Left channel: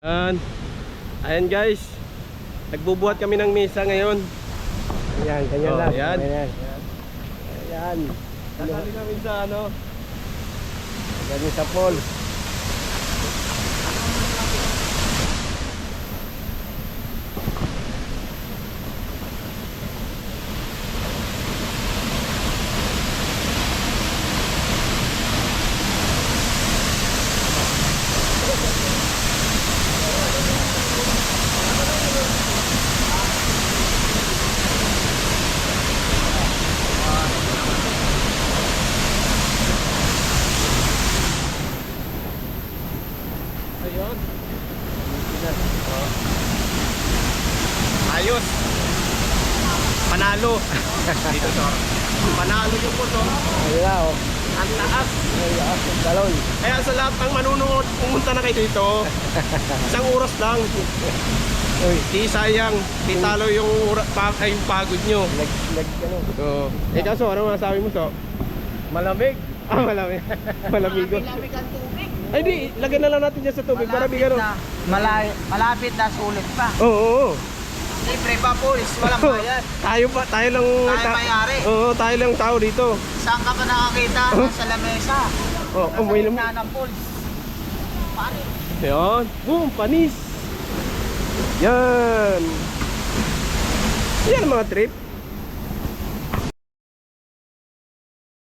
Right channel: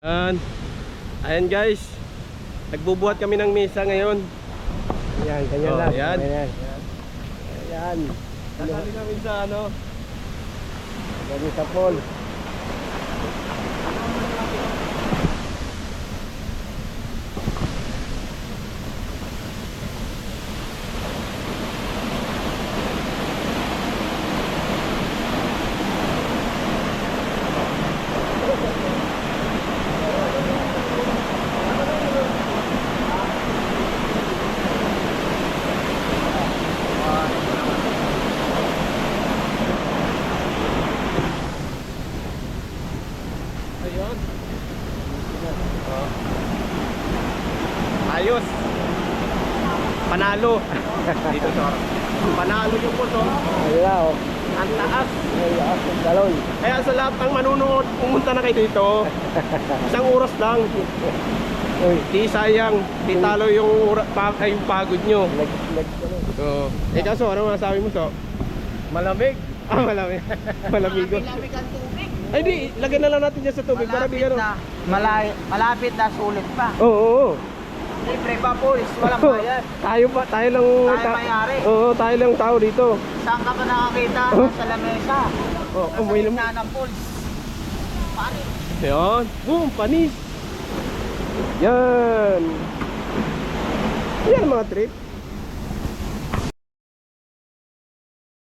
Ayan guys, nagbubuhat kami ng mesa ngayon. Ayan, ganyan lang. Ayan. Ayan. Kasali namin sa ano. Ganyan sa pool. Ayun. Ayos. Panalo. Dito sa panalo yung puso. Ayan, oh. Ang taas. Ayan, ang galon. Kaya sa lahat ng manunood, pumunta na kayo dito. Isang oras lang. Uy, Di sayang, di talo yung, yung pagod nyo. ano. So, kaso, ano masasabi mo, So? Malamig. Ah, malamig. Malamigo. Lamig ang tubig. Ay, di, lagyan na lang natin dyan sa tubig para bigyan. Malapit na sulit pa. Oo, oo. Libre pa police, walang bayad. Tayo lang. Tayo mayari. Oo, tayo lang tao dito. Saan ka pa nakakita? Sa lamesa. Oh, Nasa may gitna ng police. Paano? Yan. Boom, panis. Yan. Yan mga trip.